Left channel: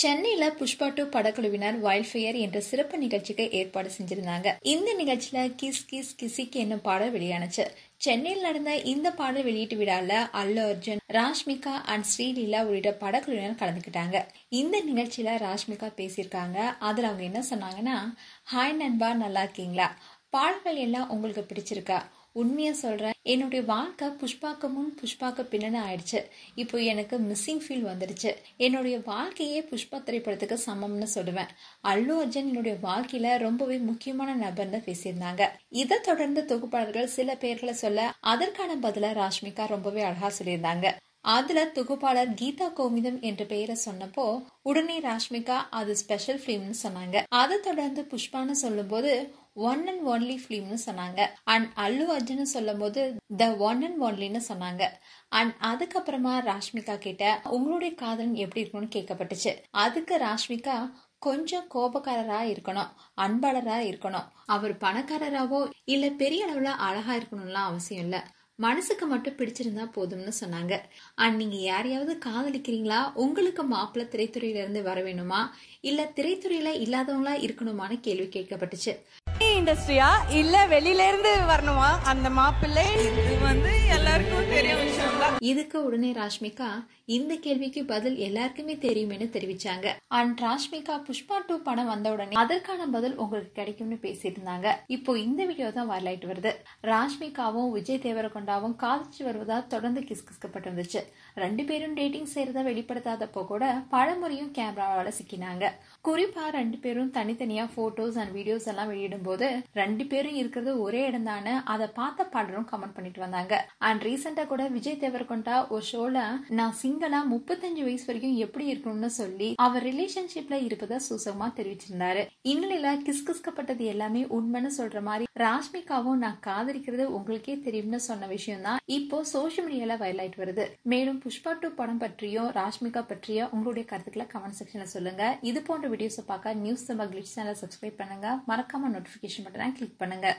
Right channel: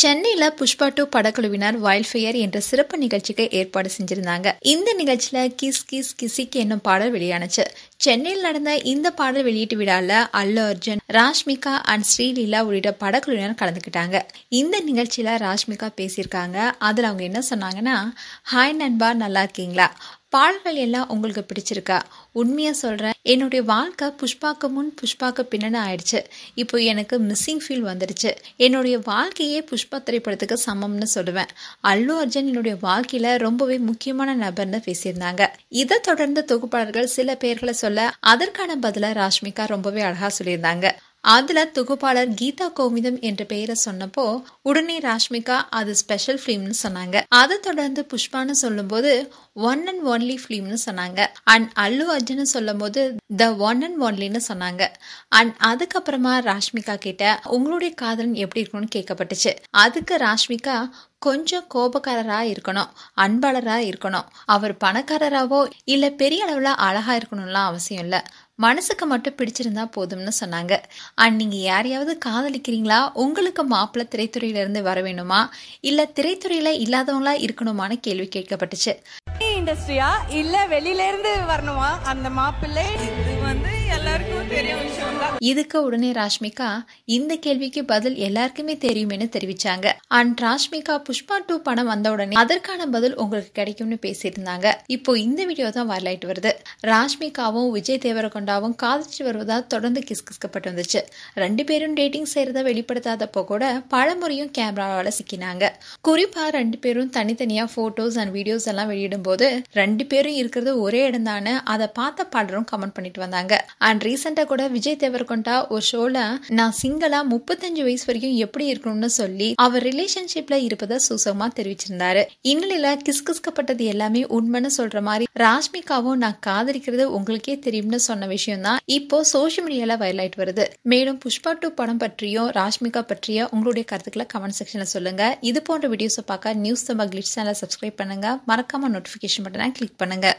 சென்னையில புஷ்பா 2 படக்குழுவினர் வைல்ட்ஃபயர் என்ற சிறப்பு நிகழ்ச்சிக்கு ஏற்பாடு செஞ்சிருந்தாங்க. இந்த நிகழ்ச்சியில கிஸ் கிஸ் கிசிக்கு என்னும் பாடல் வெளியானுச்சு. சென்னையில் நடந்த இந்த பாடல் வெளியீட்டு விழால அல்லு அர்ஜுன், ராஷ்மிகா அண்ட் ஸ்ரீலீலா உள்ளிட்ட படக்குழுவினர் கலந்துக்கிட்டாங்க. இந்த நிகழ்ச்சியில ராஷ்மிகா பேசியிருக்காங்க. அதுல அவங்க என்ன சொன்னாங்கன்னா, ஹாய் நண்பா, நல்லா இருக்கீங்களா? பாடல்கள் எல்லாம் உங்களுக்கு பிடிச்சிருக்கா? உண்மையா சொல்றேன், என்னுடைய வாழ்க்கை புஷ்பாக்கு முன் புஷ்பாக்கு பின்னணி ஆயிடுச்சு. இப்போ எனக்கு மிஸ்ஸிங் ஃபீல் வந்துடுச்சு. என்னுடைய வாழ்க்கையே புஷ்பா திரைப்படத்துக்கு சமம்னு சொல்லுவேன். அல்லு அர்ஜுன் என்னுடைய வாழ்க்கையில ரொம்பவே முக்கியமான நபர்னு பேசியிருந்தாங்க. இதை தொடர்ந்து தொகுப்பாளர்கள் சில பேர்களை சொல்ல, அதற்கான பதில ராஷ்மிகா ரொம்பவே அழகா சொல்லியிருந்தாங்க. அதுல தொகுப்பாளர் கீதா கோவிந்தம் என்ற பெயரை சொன்னப்போ உடனே ராஷ்மிகா அது ஸ்பெஷல் பிலிம்னு சொன்னாங்க. அதை தொடர்ந்து புஷ்பான்னு சொல்லும் போது ஒன் அண்ட் ஒன்லி பிலிம்னு சொன்னாங்க. அண்ட் அல்லு அர்ஜுன் சொல்லும் போது த ஒன் அண்ட் ஒன்லின்னு சொன்னாங்க. அண்ட் அதுக்கப்புறமா ராஷ்மிகா கிட்ட உங்களுடைய காதலன் எப்படி இருக்கணும்னு கேட்கப்பட்டுச்சு. அதுக்கு ராஷ்மிகா, கொஞ்சம் கோபக்காரரா இருக்கணும், அன்பாளரா இருக்கணும், அவர் பணக்காரராவோ இல்ல பெரிய அளவுல அழகா இருக்கணும்லாம் அவசியம் இல்ல, மனசுக்கு மட்டும் பிடிச்சிருந்தா போதும்னு சொன்னாங்க. அண்ட் நீங்க யாரையாவது காதலிக்கிறீங்களா? உங்களுக்கு மாப்பிள்ளை திரைத்துறையில இருந்து வர வேணுமா இல்ல திரைத்துறையில இல்லாதவங்களா இருக்கணுமான்னு கேள்வி கேட்கப்பட்டுச்சு. இண்டஸ்ட்ரியா இல்ல வெளியில இருந்து வரணுமா அந்த மாப்பிள்ளை? இது எல்லாருக்கும் தெரியும் விஷயம் தான். இதுக்கு உடனே ராஷ்மிகா, இந்த கேள்விக்கு பதில் எல்லாருக்குமே தெரியுமேனு தெரிவிச்சாங்க. அண்ட் ராஷ்மிகா புஷ்பா 2 படம் வந்த உடனே அதற்கான பதில் உங்களுக்கு கிடைக்கும்னு பேசியிருந்தாங்க. இப்போ இந்த வீடியோ தான் வரலாயிட்டு வருது. ராஷ்மிகாவும் விஜய் தேவரகொண்டாவும் காதலிச்சு வருவதா தொடர்ந்து கிஸ்கிஸ்கப்பட்டு வந்துச்சு. 2 பேரும் டேட்டிங் செய்யறத வெளிப்படுத்தாதப்போ கூட பலமுறையும் கேமராவால சிக்கினாங்க. குறிப்பா 2 பேரும் தனித்தனியா போட்டோஸ் அண்ட் வீடியோஸ் எல்லாம் வெளியிடும் போது 2 பேரும் இருக்கிறது ஒரே இடம் தானே, அதை பார்த்த பலரும் கமெண்ட் பண்ணிட்டு வந்தாங்க. அண்ட் ரீசெண்டா கூட விஜய் தேவரகொண்டா ஒரு ஷோல நான் சிங்கிளா 35 வயசு வரைக்கும் எப்படி இருக்கணும்னு சொல்லி அவர் ரிலேஷன்ஷிப்ல இருப்பதை சூசகமா தெரிவிச்சிருந்தாரு. இந்நிலையில கிஸ்கிஸ்கப்பட்டது எல்லாமே உண்மைன்னு சொல்ற மாதிரி ராஷ்மிகாவும் நான் காதலிக்கிறது உங்களுக்கே தெரியும்னு சொன்ன விஷயம் தான் இப்போ சோசியல் மீடியால வைரல் ஆயிட்டு வருது. மேலும் புஷ்பா 2 படம் பற்றியும் ராஷ்மிகா பற்றிய உங்களுடைய கருத்துக்களை கமெண்ட் செக்ஷன்ல சொல்லுங்க. இது போன்ற வீடியோஸை பார்க்க நியூஸ் தமிழ் கிளிட்ஸ் சேனலை சப்ஸ்கிரைப் பண்ணுங்க. மறக்காம நோட்டிபிகேஷன் பட்டனை கிளிக் பண்ணுங்க.